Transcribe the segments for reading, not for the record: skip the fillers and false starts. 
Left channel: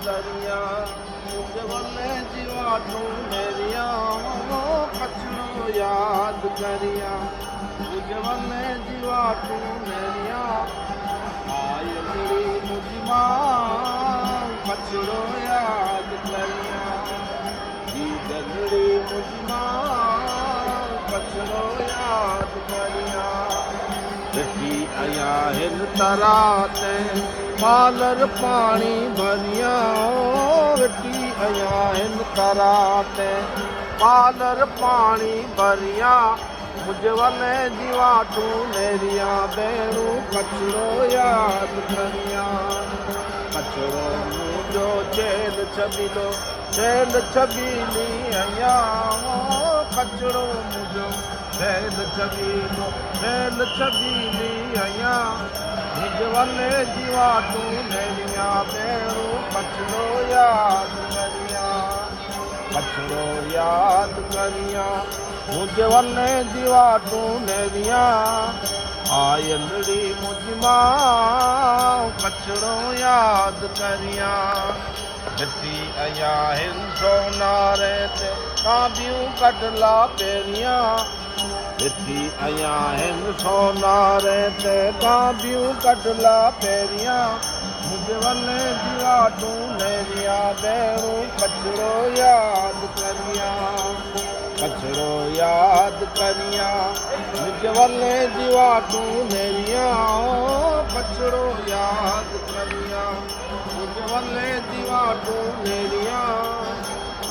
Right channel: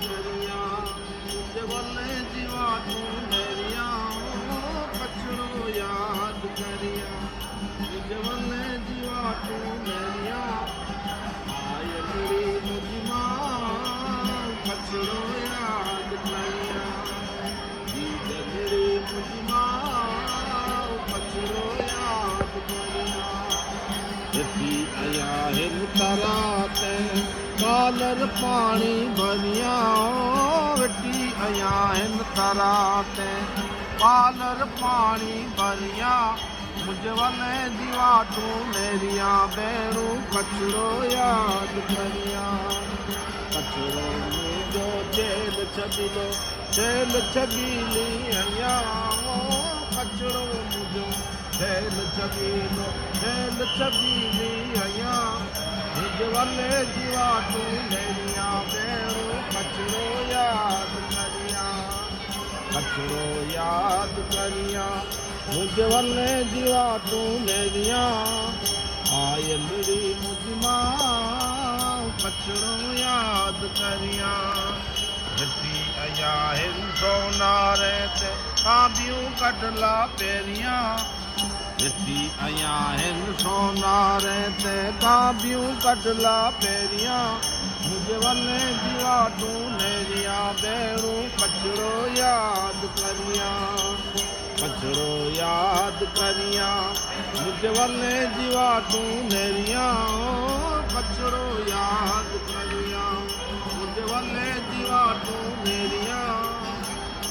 करिया मुझे वने जीवा तू मेरिया कचरो याद करिया मुझे वने जीवा तू मेरिया आय मेरी मुझमा कचरो याद करिया मेरी मुझमा कचरो याद करिया रखी आया हिन तराते मालर पानी भरिया रखी आया हिन तराते मालर पानी भरिया मुझे वने जीवा तू मेरिया बेड़ू कचरो याद करिया कचरो मुझो जेल छबीलो जेल छबीली आया कचरो मुझो जेल छबीलो जेल छबीली आया मुझे वने जीवा तू मेरिया बेड़ू कचरो याद करिया कचरो याद करिया मुझे वने जीवा तू मेरिया आयलड़ी मुझमा कचरो याद करिया जती आया हिन सोनारे ते काबियूं कटला पेरिया जती आया हिन सोनारे ते काबियूं कटला पेरिया मुझे वने जीवा तू मेरिया बेड़ू कचरो याद करिया कचरो याद करिया मुझे वने जीवा तू मेरिया कचरो याद करिया मुझे वने जीवा तू मेरिया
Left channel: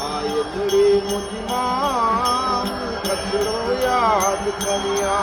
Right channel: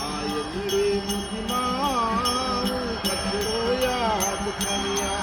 आयलड़ी मुझमा कचरो याद करिया।